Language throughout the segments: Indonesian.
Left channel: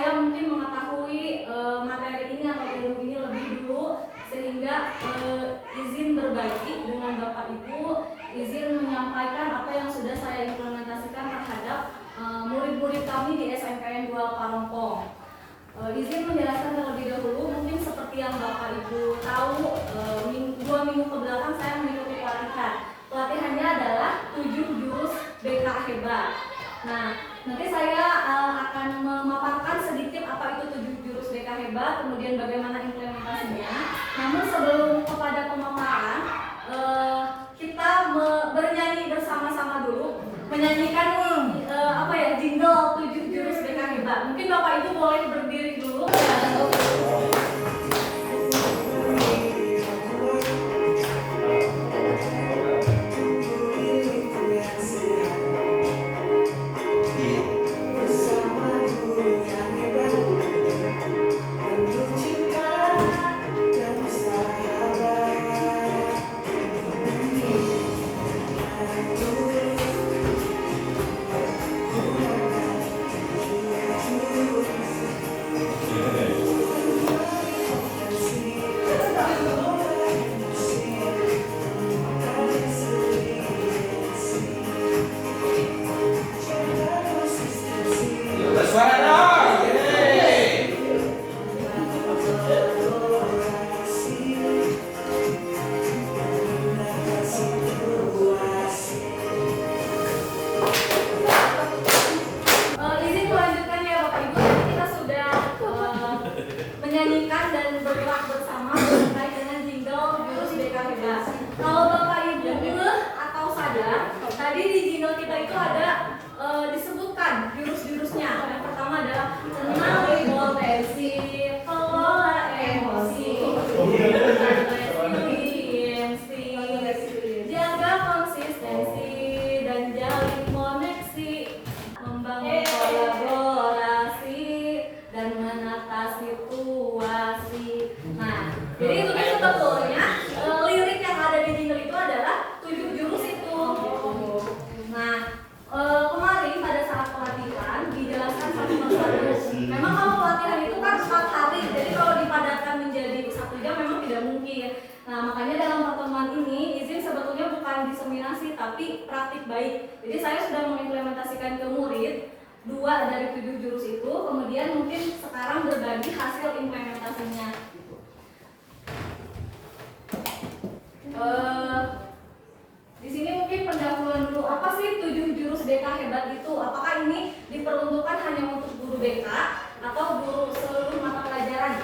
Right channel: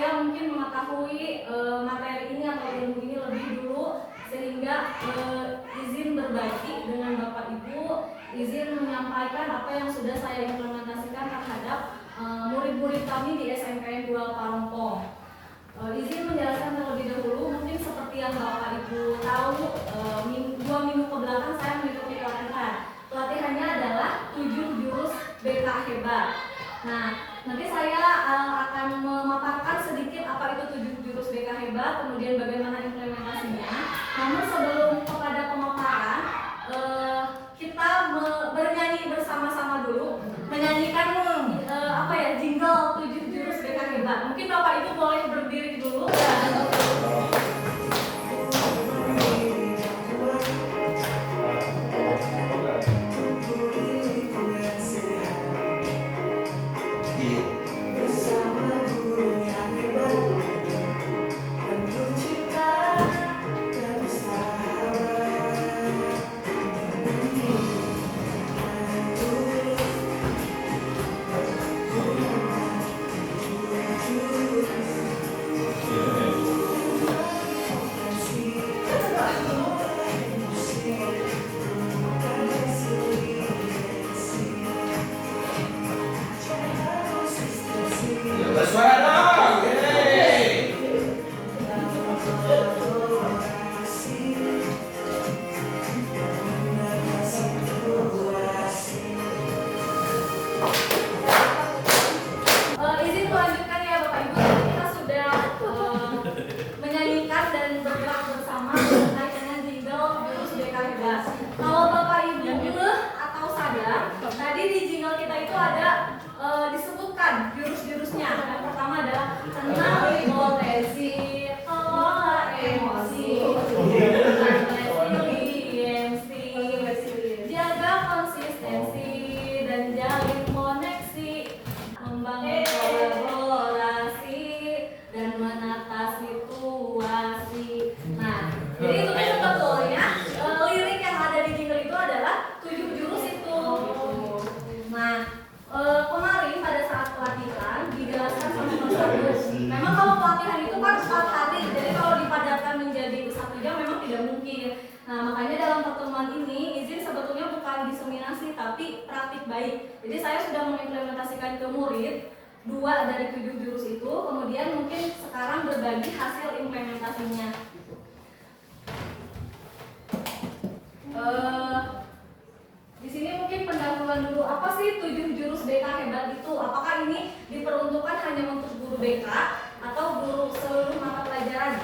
saya mungkin mengetahui materi ini atau ilmu ini lebih dulu, sehingga izin berbagi dengan Bapak Ibu, izin menyampaikan apa yang sudah saya implementasikan terhadap murid-murid kami di SMPN 2 Parongpong. Izin menjelaskan terlebih dahulu, mungkin seperti yang Bapak Ibu tahu, 2 minggu kebelakang saya mengikuti pelatihan. Pelatihannya adalah 7 jurus BK hebat. Nah, nanti saya akan memaparkan sedikit apa itu 7 jurus BK hebat, kemudian bagaimana implementasinya. Namun sebelum kepada pemaparan, kita bernyanyi bersama-sama dulu, menyanyikan jingle 7 jurus BK hebat. Mungkin Bapak Ibu boleh berdiri dulu. Kalau Bapak Ibu atau sadar, tadi di jingle kita itu ada disebutkan jurus-jurusnya. Yang pertama adalah kenali potensi, kelola emosi, resiliensi, jaga konsistensi dan jalin koneksi, membangun kolaborasi dan menata situasi. Nah, jadi itu kan sebetulnya lirik yang ada di jingle itu adalah 7 jurus itu. Nah, kemarin pada saat pelatihan dijelaskan satu persatu. Memang kalau pelatihan itu kan 4 hari, jadi kalau dipadatkan menjadi 1 jam memang tidak mungkin. Nah, makanya dalam pertemuan ini izin sebetulnya bukan diseminasi tapi praktik baik. Jadi saya sudah mengimplementasikan ke murid 2 dari 7 jurus itu, kemudian mungkin sekarang berbagi hasil implementasinya. Di sini mungkin pendahuluan dulu, apa sih 7 jurus BK hebat itu? Apakah ini diperuntukkan hanya untuk guru BK atau guru seluruh mata pelajaran?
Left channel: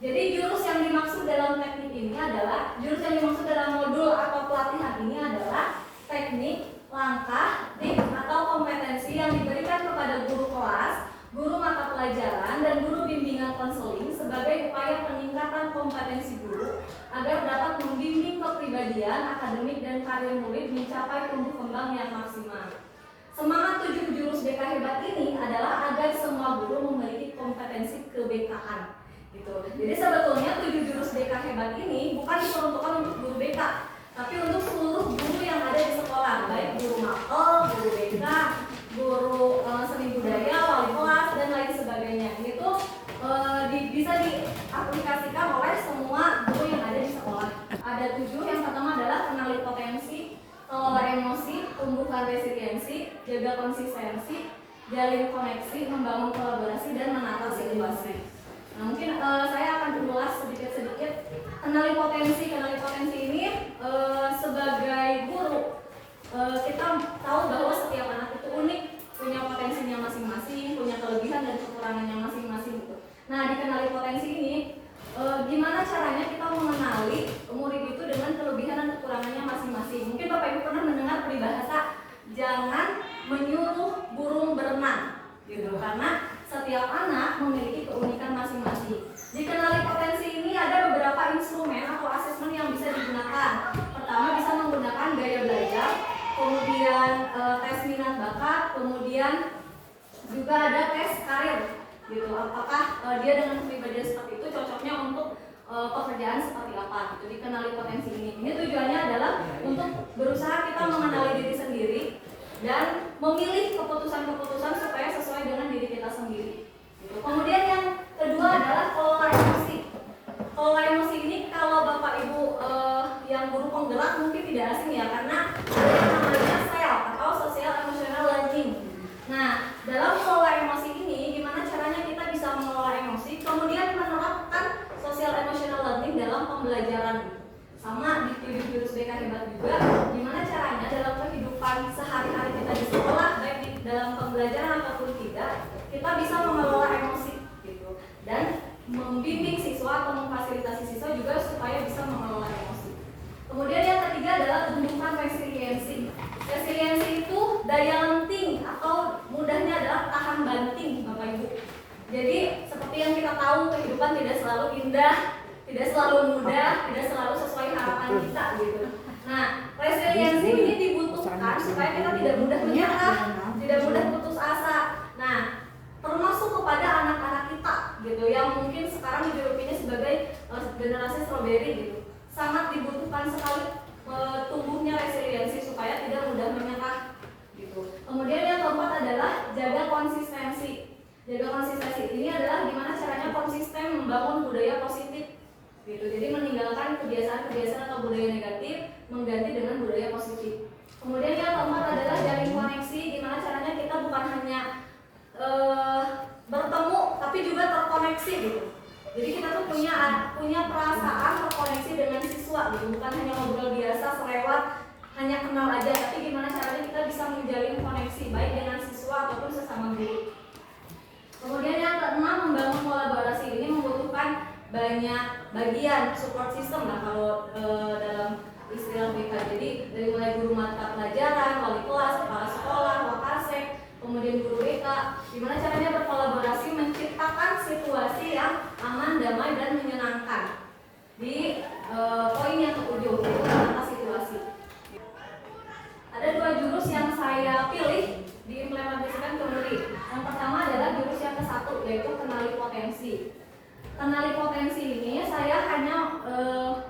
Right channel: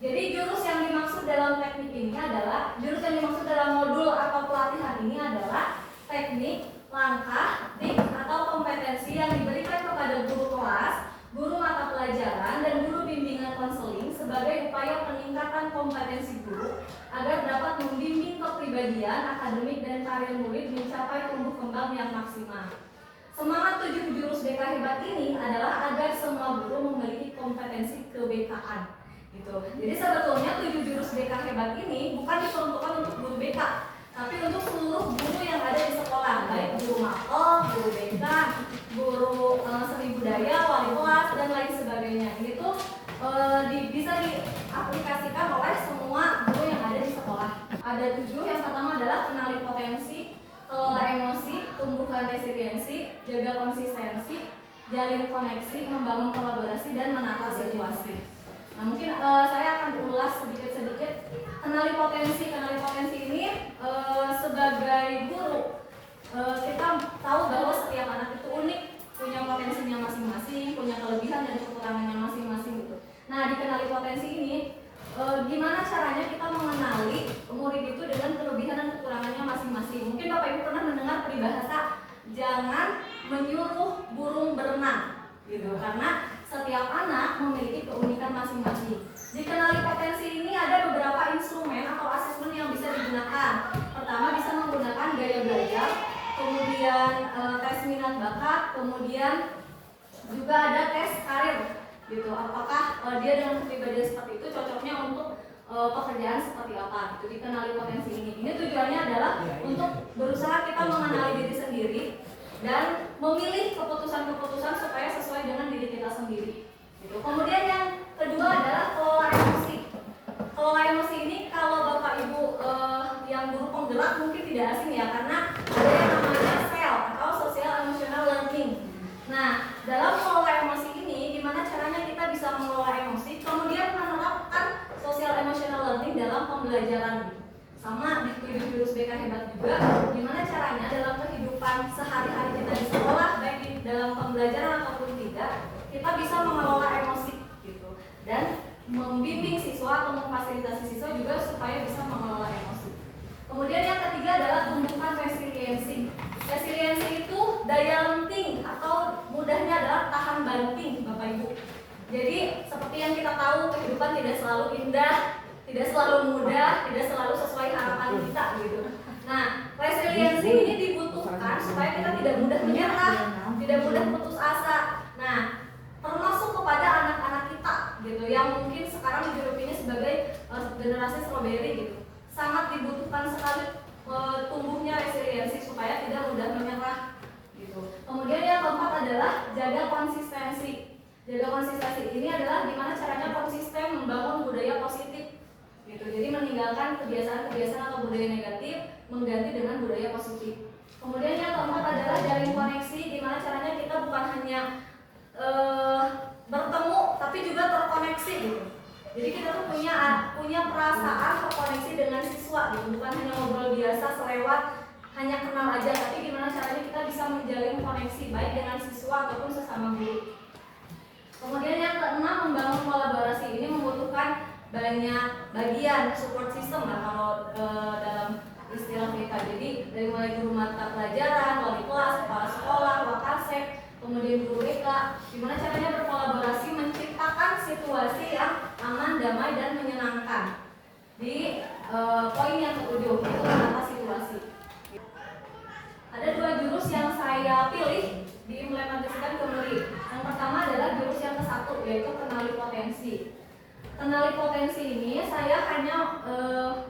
Jadi jurus yang dimaksud dalam teknik ini adalah, jurus yang dimaksud dalam modul atau pelatihan ini adalah teknik, langkah, trik atau kompetensi yang diberikan kepada guru kelas, guru mata pelajaran, dan guru bimbingan konseling sebagai upaya peningkatan kompetensi guru agar dapat membimbing kepribadian, akademik, dan karir murid mencapai tumbuh kembang yang maksimal. Semangat 7 jurus BK hebat ini adalah agar semua guru memiliki kompetensi ke-BK-an. Gitu. Jadi sebetulnya 7 jurus BK hebat ini bukan diperuntukkan untuk guru BK, tapi untuk seluruh guru yang ada di sekolah, baik guru makel, guru BK, guru seni budaya, wali kelas, dan lain sebagainya. Ini tuh bisa diaplikasikan oleh semua guru yang ada di sekolah. Ada 7, yang pertama adalah kenali potensi, kelola emosi, tumbuhkan resiliensi, jaga konsistensi, jalin koneksi, membangun kolaborasi, dan menata situasi. Nah, mungkin saya akan ulas sedikit-sedikit. Kenali potensi ini sebagai guru kita tahu bahwa setiap anak itu unik, punya potensinya masing-masing, punya kelebihan dan kekurangannya masing-masing gitu. Nah, dikenali potensi ini, gimana caranya kita mengenali murid itu dengan kelebihan dan kekurangannya masing-masing. Mungkin Bapak Ibu pernah mendengar peribahasa jangan menyuruh burung berenang gitu, karena setiap anak memiliki keunikan masing-masing. Dikenali potensi ini ada beberapa instrumen atau asesmen yang bisa digunakan. Pertama, bisa menggunakan gaya belajar, kemudian tes minat bakat, kemudian juga ada tes karir gitu. Apakah dia dengan kepribadian seperti itu cocoknya untuk pekerjaan seperti apa gitu. Dikenali potensi ini. Ini tujuannya adalah untuk berusaha kita mengenali diri sendiri dan memilih keputusan-keputusan supaya sesuai dengan diri kita sendiri. Gitu. Kemudian yang kedua adalah kelola emosi. Kelola emosi ini kalau Bapak Ibu yang guru penggerak mungkin tidak asing ya, karena ada yang namanya SEL atau Social Emotional Learning. Nah, dalam mengelola emosi ini, gimana caranya kita bisa mengelola emosi, kemudian menerapkan Social Emotional Learning dalam pembelajaran. Sama di 7 jurus BK Hebat juga, gimana caranya dalam kehidupan sehari-hari kita di sekolah, baik di dalam pembelajaran ataupun tidak, kita bisa mengelola emosi gitu, dan membimbing siswa atau memfasilitasi siswa juga supaya bisa mengelola emosi. Kemudian yang ketiga adalah tumbuhkan resiliensi. Resiliensi itu daya lenting atau mudahnya adalah tahan banting, Bapak Ibu. Jadi seperti yang kita tahu, kehidupan tidak selalu indah, tidak selalu mudah, tidak selalu sesuai harapan kita gitu. Nah, resiliensi ini dibutuhkan supaya kita tidak mudah menyerah, tidak mudah putus asa. Nah, termasuk kepada anak-anak kita gitu, yang mungkin sekarang dijulukinya sebagai generasi strawberry gitu. Sangat dibutuhkan sekali tumbuhnya resiliensi supaya tidak mudah menyerah gitu. Kemudian yang keempat adalah jaga konsistensi. Jaga konsistensi ini adalah gimana caranya konsisten membangun budaya positif gitu. Jadi meninggalkan kebiasaan-kebiasaan atau budaya negatif, mengganti dengan budaya positif. Kemudian yang keempat adalah jalin koneksi. Gimana caranya kita bukan hanya bertemu tapi juga terkoneksi gitu. Jadi kita tuh punya perasaan terkoneksi dengan siswa gitu, bukan hanya ngobrol biasa selewat, hanya kenal aja, tapi gimana caranya kita bisa menjalin koneksi baik dengan siswa ataupun sesama guru. Kemudian yang keenam, membangun kolaborasi. Ini membutuhkan banyak bagian support system lah kalau dalam istilah BK. Jadi dari mulai guru mata pelajaran, wali kelas, kepala sekolah, wakasek, kemudian guru BK, gimana caranya berkolaborasi menciptakan situasi yang aman, damai, dan menyenangkan. Di poin yang ketujuh, itu menata situasi. Ada 2 jurus yang saya pilih diimplementasikan ke murid. Yang pertama adalah jurus yang ke-1, yaitu kenali potensi. Kenali potensi ini saya hanya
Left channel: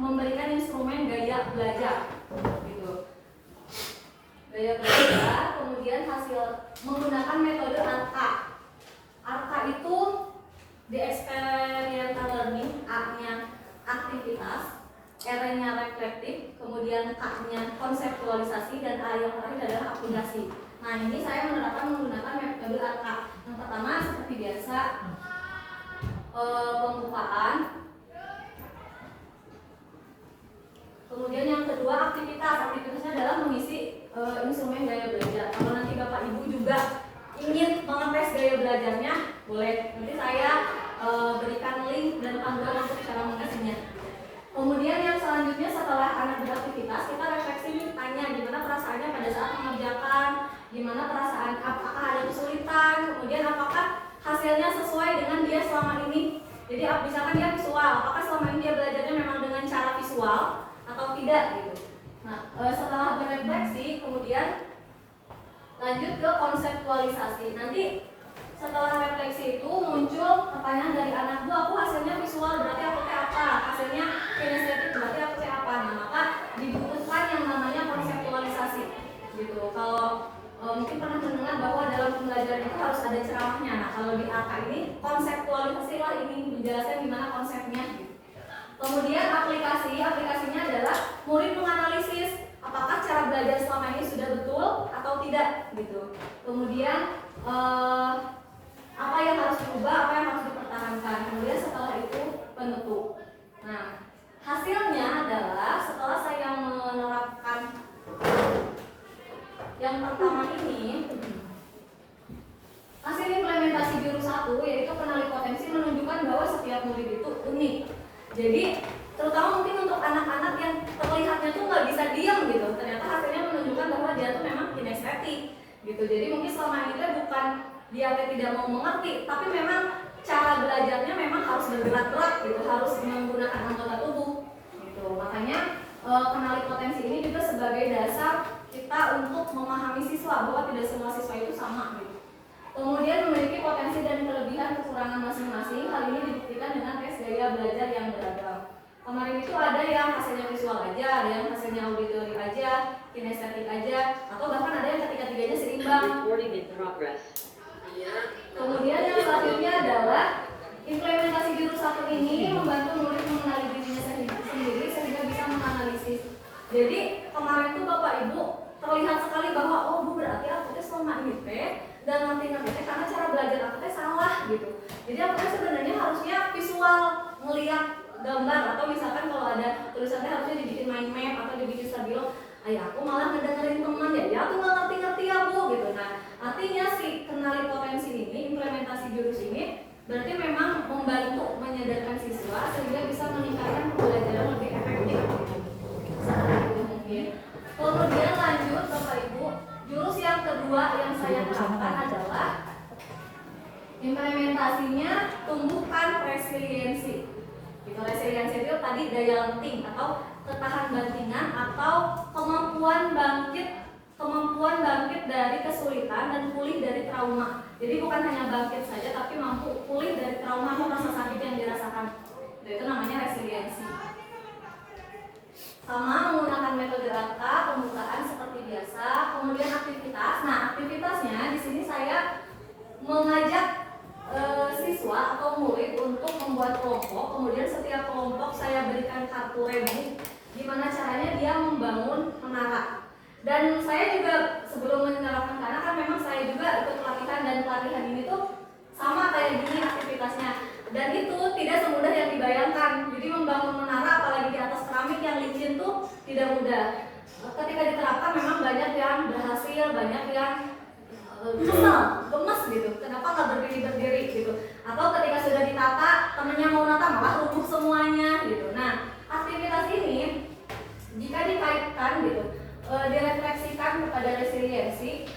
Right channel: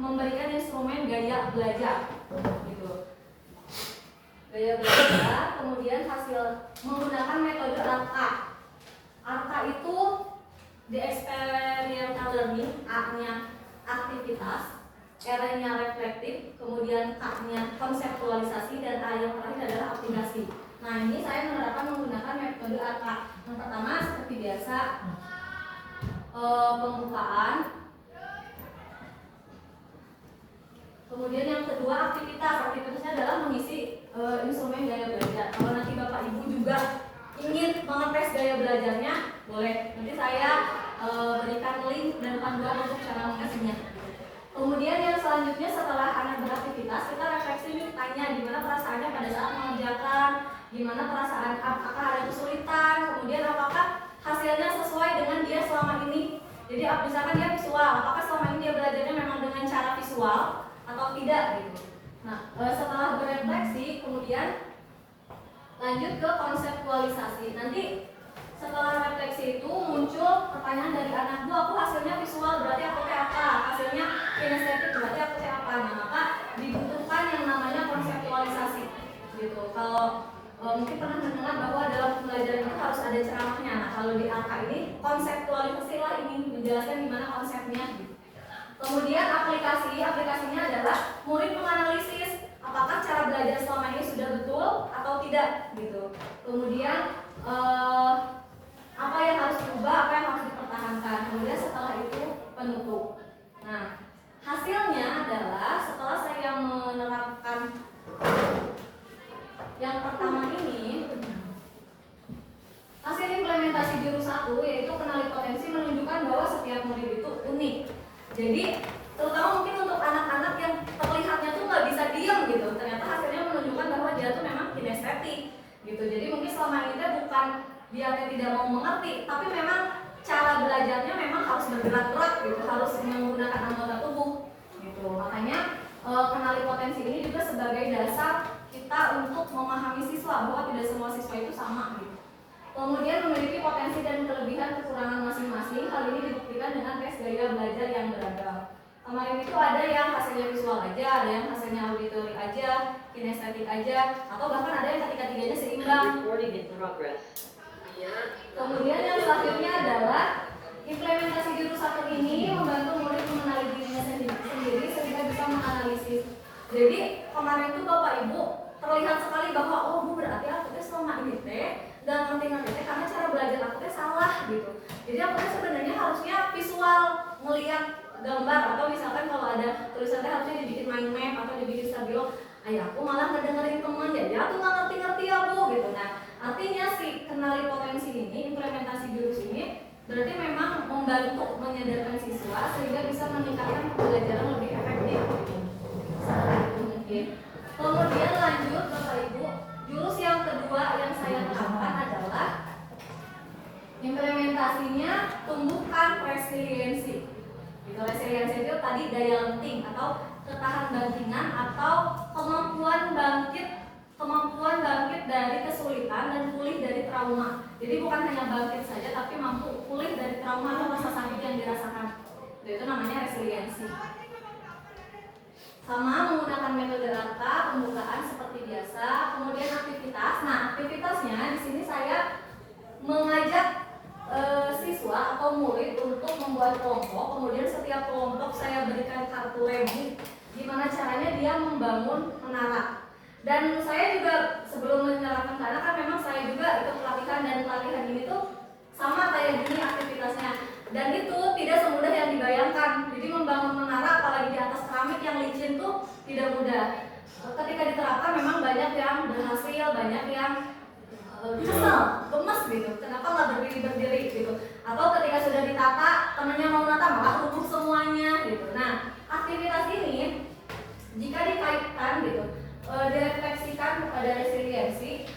memberikan instrumen gaya belajar gitu. Gaya belajar, kemudian hasil menggunakan metode ARKA. ARKA itu di experiential learning, A-nya aktivitas, R-nya reflektif, kemudian K-nya konseptualisasi, dan A yang terakhir adalah aplikasi. Nah, ini saya menerapkan menggunakan metode ARKA. Yang pertama seperti biasa, pembukaan. Kemudian yang kedua aktivitas. Aktivitasnya adalah mengisi instrumen gaya belajar. Kalau nanti Bapak Ibu juga ingin mengetes gaya belajarnya, boleh. Nanti saya berikan link dan panduan untuk cara mengisinya. Kemudian yang selanjutnya setelah anak beraktivitas, kita refleksi nih, tanya gimana perasaannya pada saat mengerjakan, gimana perasaan, apakah ada kesulitan, kemudian apakah hasilnya sesuai dengan dia selama ini. Jadi misalkan dia visual, apakah selama ini dia belajarnya memang dengan cara visual atau tidak gitu. Nah, setelah berefleksi, kemudian lanjut ke konseptualisasi. Nanti setelah refleksi itu muncul pertanyaan dari anak, Bu, aku hasilnya visual, berarti aku kayak apa? Hasilnya kinestetik, berarti aku kayak apa? Nah, maka dibutuhkan yang namanya konseptualisasi gitu. Kalau mungkin pernah mendengar bahwa dalam pembelajaran itu harus ada ceramahnya. Nah, kalau di AK ini konseptualisasi lah, ini menjelaskan gimana konsepnya gitu. Kemudian aplikasinya adalah murid menganalisis apakah cara belajar selama ini sudah betul atau tidak gitu. Kemudian apa yang harus diubah, apa yang harus dipertahankan. Kemudian setelah itu penutup. Nah, hasilnya adalah setelah saya menerapkan yang pertama ini, hasil implementasi jurus 1 yaitu kenali potensi menunjukkan bahwa setiap murid itu unik. Jadi terutama mungkin untuk anak-anak yang terlihatnya tuh nggak bisa diam gitu, ternyata hasilnya menunjukkan bahwa dia tuh memang kinestetik gitu. Jadi mungkin selama ini tuh bukan dia tidak mau mengerti, tapi memang cara belajarnya memang harus bergerak-gerak gitu, harus menggunakan anggota tubuh gitu. Makanya kenali potensi ini juga sebagai dasar kita untuk memahami siswa bahwa tidak semua siswa itu sama gitu. Kemudian memiliki potensi dan kelebihan kekurangan masing-masing. Hal ini dibuktikan dengan tes gaya belajar yang beragam. Kemarin itu ada yang hasilnya visual aja, ada yang hasilnya auditori aja, kinestetik aja, atau bahkan ada yang ketiga-tiganya seimbang. Kemudian yang selanjutnya adalah implementasi jurus 1 ini membantu murid mengenali dirinya sendiri sehingga bisa menganalisis. Jadi kemarin tuh Bapak Ibu terlihat sekali bahwa oh Bu berarti aku teh selama ini teh dan ngerti teh karena cara belajar aku teh salah gitu. Jadi aku teh sebenarnya harusnya visual ngelihat gambar atau misalkan kalau ada tulisannya harusnya dibikin mind map atau dibikin stabilo. Ayah aku malah ngedengerin temen ya aku nggak ngerti ya Bu gitu. Nah artinya si kenali potensi ini, implementasi jurus ini berarti memang membantu menyadarkan siswa sehingga bisa meningkatkan pembelajaran lebih efektif gitu. Mungkin. Kemudian lanjut Bapak Ibu, jurus yang kedua yang saya terapkan adalah implementasinya tumbuhkan resiliensi. Gitu, resiliensi itu tadi daya lenting atau ketahan bantingan atau kemampuan bangkit dari kesulitan dan pulih dari trauma. Jadi bukan hanya bangkit saja tapi mampu pulih dari trauma atau rasa sakit yang dirasakan. Itu namanya resiliensi. Sama menggunakan metode RAKA, pembukaan seperti biasa, kemudian aktivitas. Nah, aktivitasnya di sini saya mengajak siswa atau murid untuk membuat kelompok. Kemudian setiap kelompok saya berikan kartu remi gimana caranya dia membangun menara. Dan saya juga sebelum menerapkan karena kan memang saya juga ikut pelatihan dan pelatihan ini tuh sama kayak gini aktivitasnya. Dan itu tidak semudah yang dibayangkan. Jadi membangun menara apalagi di atas keramik yang licin tuh tidak mudah. Ketika diterapkan memang banyak yang berhasil, banyak yang kesel, gemes gitu. Kenapa nggak berdiri gitu? Atau ketika sudah ditata, temennya mau nata malah rubuh semuanya gitu. Nah, aktivitas ini jika dikaitkan gitu, direfleksikan kepada resiliensi.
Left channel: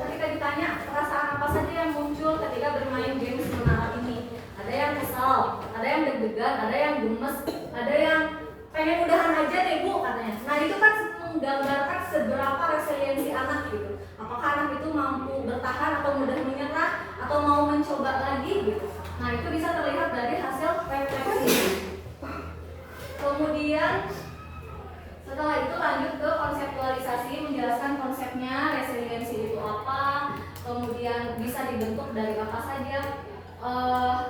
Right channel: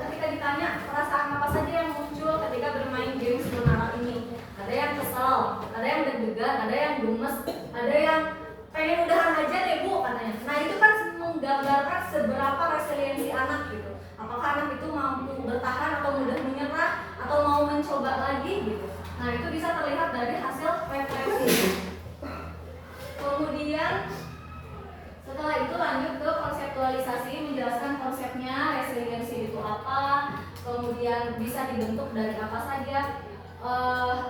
Ketika ditanya perasaan apa saja yang muncul ketika bermain games menara ini, ada yang kesal, ada yang deg-degan, ada yang gemes, ada yang pengen udahan aja deh Bu katanya. Nah itu kan menggambarkan seberapa resiliensi anak gitu. Apakah anak itu mampu bertahan atau mudah menyerah atau mau mencoba lagi gitu. Nah itu bisa terlihat dari hasil refleksi. Kemudian setelah itu lanjut ke konseptualisasi, menjelaskan konsepnya resiliensi itu apa, kemudian bisa dibentuk dari apa saja.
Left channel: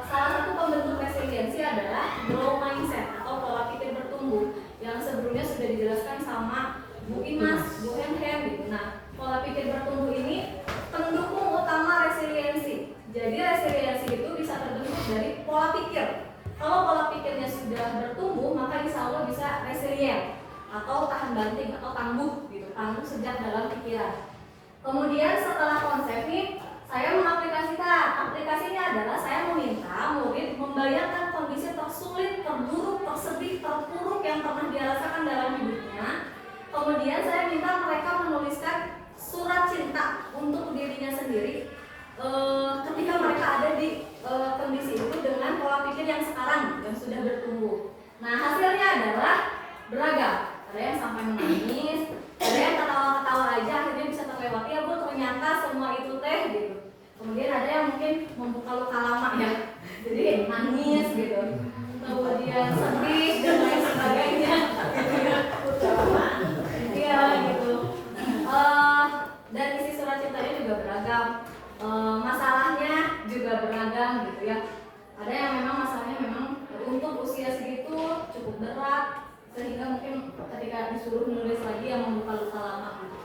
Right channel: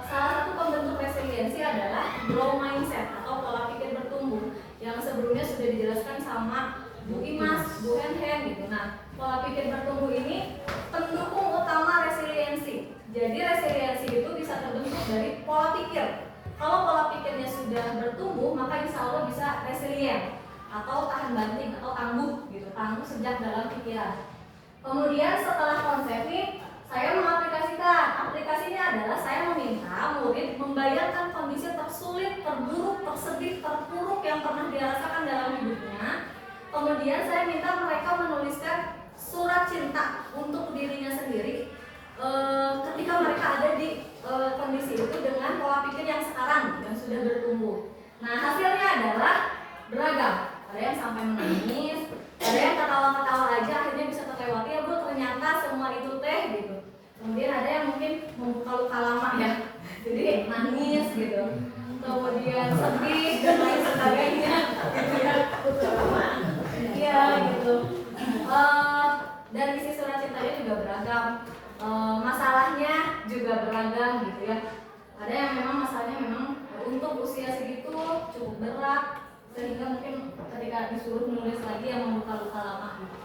Salah satu pembentuk resiliensi adalah growth mindset atau pola pikir bertumbuh yang sebelumnya sudah dijelaskan sama Bu Imas, Bu Hen gitu. Nah, pola pikir bertumbuh ini pendukung utama resiliensi. Jadi resiliensi itu bisa terbentuk dari pola pikir. Kalau pola pikirnya sudah bertumbuh, maka insya Allah bisa resilient atau tahan banting atau tangguh gitu, tangguh sejak dalam pikiran. Kemudian setelah konsep ini saya mengaplikasikan. Aplikasinya adalah saya meminta murid membayangkan kondisi tersulit, terburuk, tersedih, terpuruk yang pernah dia rasakan dalam hidupnya. Kemudian saya minta mereka menuliskan surat cinta untuk dirinya sendiri ketika mereka ada di kondisi itu dengan pola pikir yang sekarang yang sudah bertumbuh. Nah hasilnya adalah beragam. Ada yang sampai menangis, ada yang ketawa-ketawa aja akhirnya bisa terlewati ya Bu, ternyata semua itu teh gitu. Kemudian ada yang mungkin membuka luka lama ya, jadi nangis gitu. Kemudian sedih dan lain sebagainya. Iya gitu. Dan isi surat cintanya juga beragam. Masalahnya juga beragam gitu ya. Ada yang memang masalahnya memang untuk usia segitu cukup berat sehingga mungkin ketika disuruh menulis lagi yang membuka luka lama gitu.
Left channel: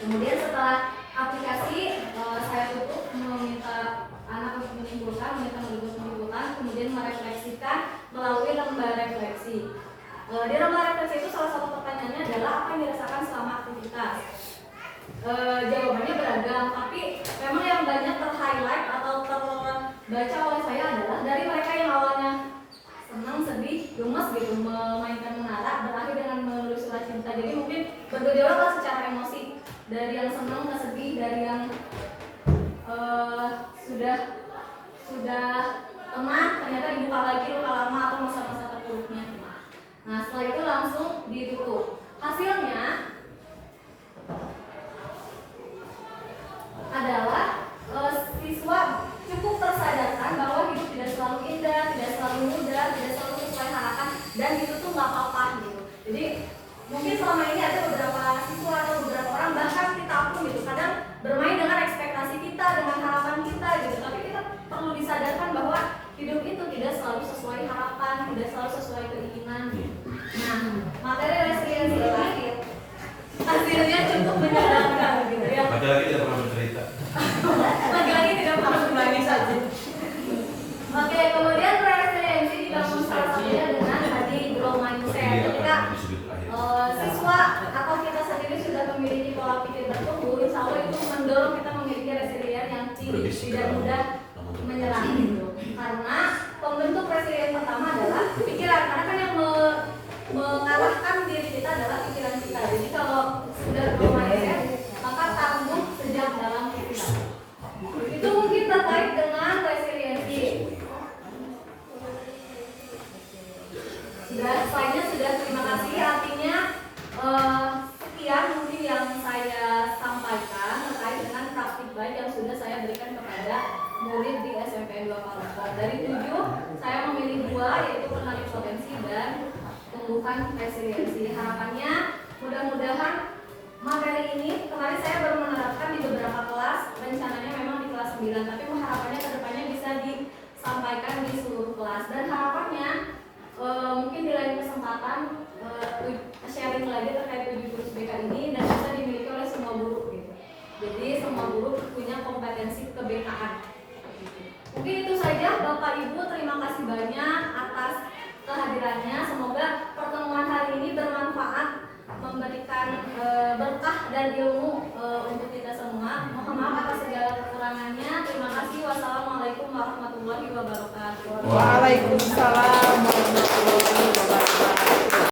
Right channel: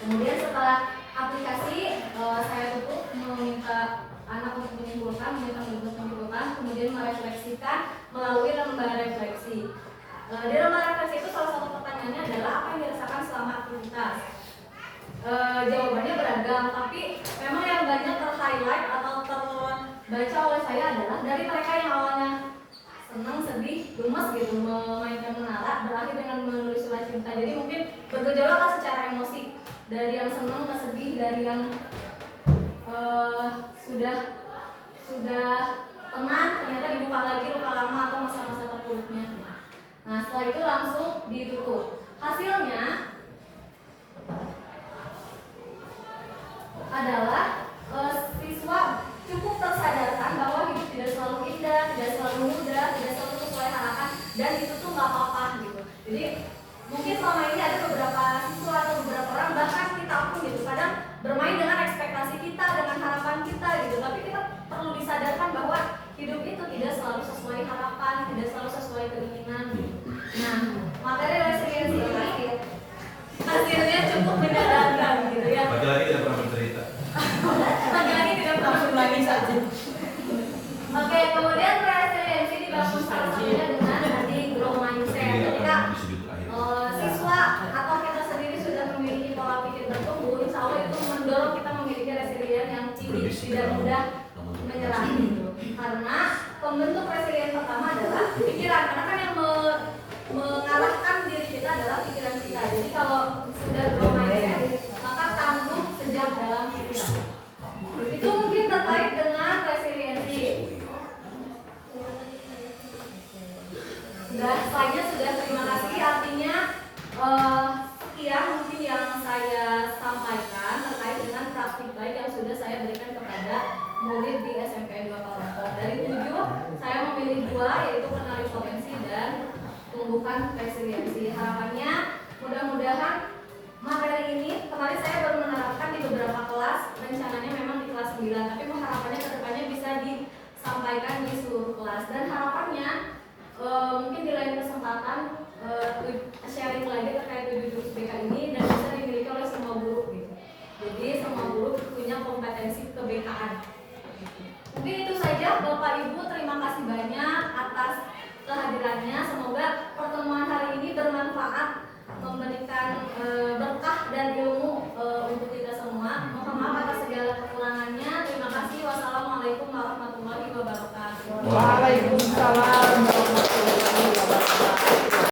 Kemudian setelah aplikasi saya tutup meminta anak untuk menyimpulkan, kemudian merefleksikan melalui lembar refleksi. Di lembar refleksi itu salah satu pertanyaannya adalah apa yang dirasakan selama aktivitas. Jawabannya beragam, tapi memang yang banyak ter-highlight atau terbaca oleh saya adalah dari mereka yang awalnya senang, sedih, gemes gitu memainkan menara berakhir dengan menulis surat cinta. Jadi mungkin bergejolak lah secara emosi, dari yang senang ke sedih, dari yang sudah tenang ternyata dibuka lagi luka lama atau masa-masa terpuruknya. Nah setelah itu langsung ditutup. Hasilnya adalah siswa cukup tersadarkan bahwa hidup tidak selalu indah, tidak selalu mudah, tidak selalu sesuai harapan, dan itu tuh nggak apa-apa gitu. Jadi mungkin selama ini ada beberapa siswa atau beberapa orang bahkan kita pun gitu kadang bermain dengan ekspektasi kita, dengan harapan kita pola pikir bertumbuh, insya Allah itu mendorong kita memiliki resilient yang tinggi, tidak mudah menyerah gitu. Karena pembentuk resilient pertama adalah pikiran, karena kan yang mengarahkan diri kita adalah pikiran kita. Jadi kalau sudah mindset, maka tangguh sejak dalam pikiran. Itu mungkin terkait dengan resiliensi. Saya sudah, terima kasih. Artinya sekian mungkin yang saya sampaikan terkait dengan praktik baik yang sudah saya berikan kepada murid di SMP 2 Palembang. Dari 7, saya memilih 2, yaitu kenali potensi dan tumbuhkan resiliensi. Harapannya mudah-mudahan materi ini, kemarin saya baru menerapkan di beberapa kelas, rencananya memang di kelas 9, tapi harapannya kedepannya bisa disampaikan di seluruh kelas. Dan harapannya mungkin di lain kesempatan sharing lagi terkait 7 jurus BK ini dan bisa dimiliki oleh semua guru gitu. Jadi semua guru punya kompetensi ke-BK-an. Mungkin itu saja Bapak Ibu, terima kasih banyak atas kehadirannya. Semoga pertemuan hari ini bermanfaat, memberikan berkah dan ilmu untuk kita semua. Mohon maaf atas segala kekurangannya. Terima kasih. Wassalamualaikum warahmatullahi wabarakatuh. Waalaikumsalam.